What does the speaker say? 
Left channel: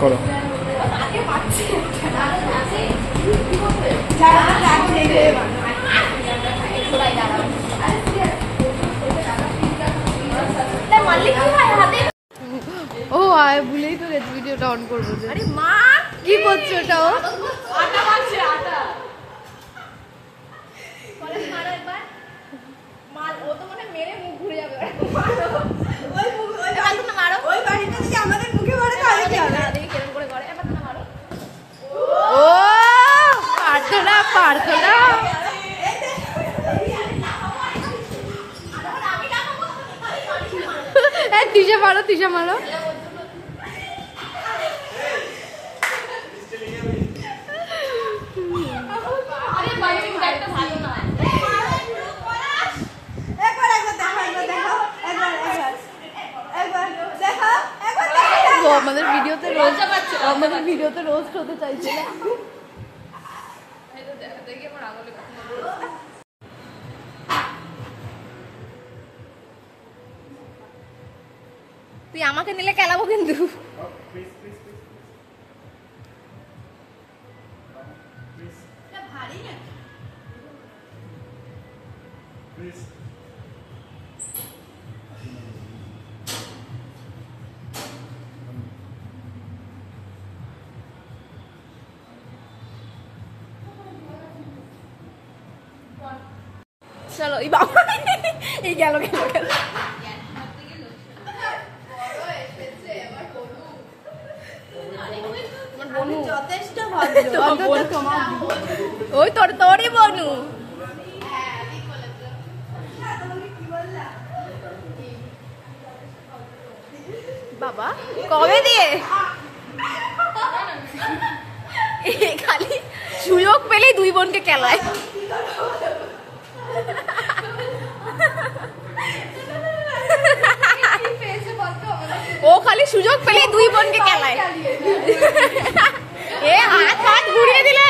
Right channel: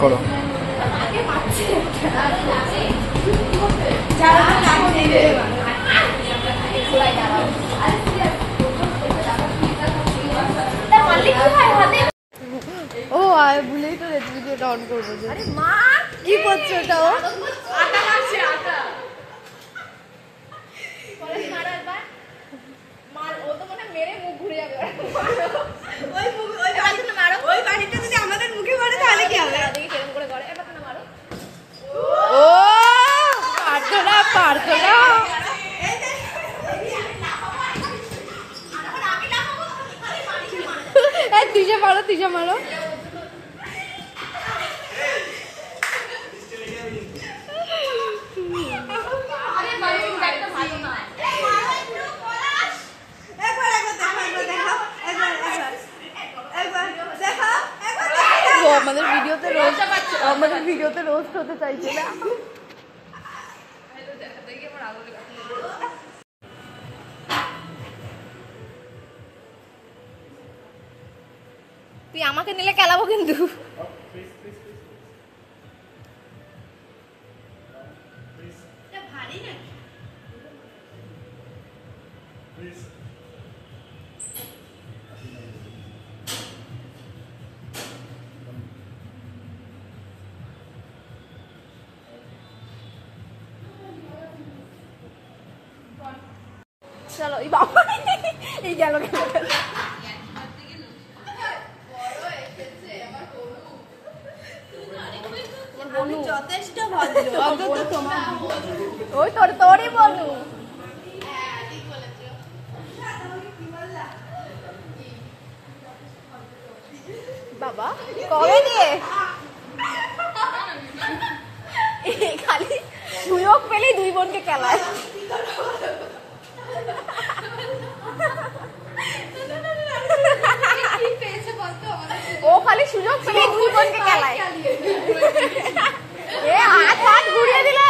করো। ও আয় ভুলেই তো গেছি ভিডিওটা অন করবো যে। আরে মা কি করছো ওটা? ও আটা লাগছে আটা। পরে মারা একবার মাল ও তো মনে মেরে মুখ ঘুরে যাবে। ওই মুখ ওই বাড়িতে না মারো। ওই বাড়িতে যদি আমাদের মুখে মারে তাহলে কি হবে? দেখি কেমন করে করে এবার না মারো। ও পারতো না পারতো না। এই তিশা মারো তিশা মারো। আমাদের ভিডিওতে রোস্ট হতে চাইছে না। তুই আমাকে নিলে খেলাবো কিন্তু। চলো এই বাবা এই গেল গেল গেল। যথেষ্ট ওই তোর তোরই বনু। বাবা কবে দিয়ে খালি সুযোগ পেলেই দুই বোনকে খেলায়। ও খালি সুযোগ পেলেই দুই বোনকে খেলায়। এ হাত হাত ঘুরিয়ে দিলে